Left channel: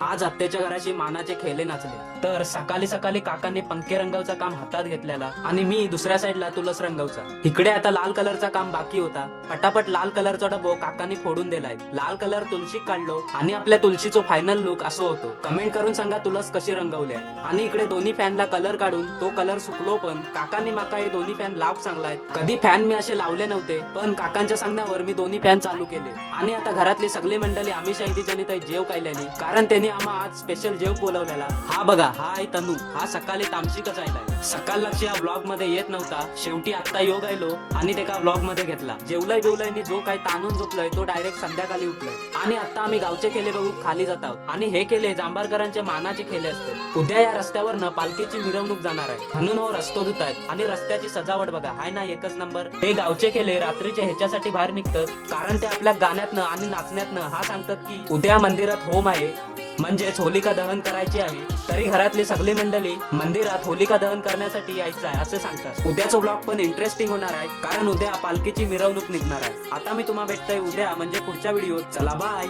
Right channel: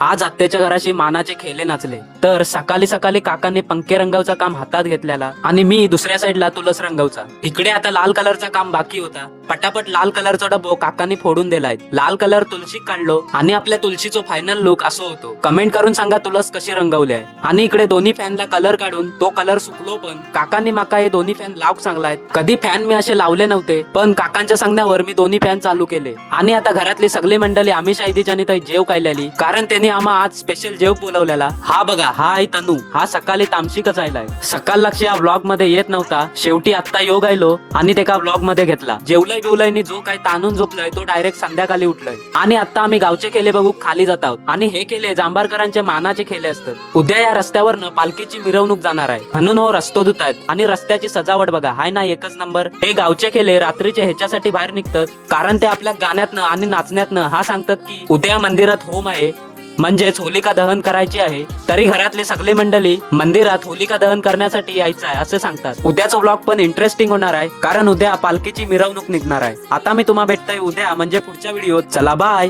आज आत्याच्या घराशी मानाचे खेळे नाचले तर सकाळी सकाळी काकांनी पंखे रंगवचा काम हातात घेतलेला आणि मी दुसऱ्या साईडला तुलस रंगवचा. इकडे आता लाल कलरचा काम बाकी होता. पटापट लाल कलरचा डबो काकांनी फोडून दिलाय. लाल कलर तुलसी काढलो आणि आपल्या तुलसीचो फायनल लुक असो होतो. कमेंट करून सांगा तुलस कशी रंगवली आहे. आणि इकडे दोन्ही फॅनला कलर काढून तो कलर सुकलो पण काकांनी माका हे दोन्ही फॅन लावूक सांगलाय. कधी फॅन मी असे लावले नव्हते पण काकांच्या सांगण्यावर मी दोन्ही फॅन चालू केले. आणि आता घरातली सगळी मंडळी आम्ही शाहिदीच्यानी तर जेव खायलेली कारण त्यांनी आम्हा आज स्पेशल जेव बोलवलेला. हा बघा हा आहे तनू. हा सकाळी तामशीकच आयलाय. सकाळ लक्ष या व्लॉग मध्ये येत नव्हता. शेवटी आता योग आयलो आणि त्याका व्लॉग मध्ये घेतला. जेवलंय बिवलंय जो काही ताणून झोपलाय तो डायरेक्ट संध्याकाळी उठलाय. आणि आता आम्ही गावचे केले बघू खाली जात आहोत. आणि हे केले जांभारकरांचे मानाचे खेळे असतात. उद्या या रस्त्यावरनं पालखीची मिरवणूक जाणार आहे म्हणून हो रस्तो धुत आहेत. आणि रस्त्याची सजावट बघा हाय ना एकच नंबर. हे गावचे केले रात्रीचे ह्याच्यासाठी बाहेर निघतात कारण ते आपल्या गाण्यातनं आणि नाचण्यातनं हा सांगतात की उद्या मंदिरात होम आहे म्हणजेच होलिका दहन करायची आहे. तरी घरातली सगळी मंडळी मंदिरात होलिका दहन करण्यासाठी यायचं आहे असं सांगतात. उद्याचा व्लॉग पण इंटरेस्टिंग होणार आहे कारण उद्या पालखीची मिरवणूक निघणार आहे. आता मी तुम्हाला भेटतोय उद्या म्हणजे पुढच्या व्हिडिओत. चला बाय.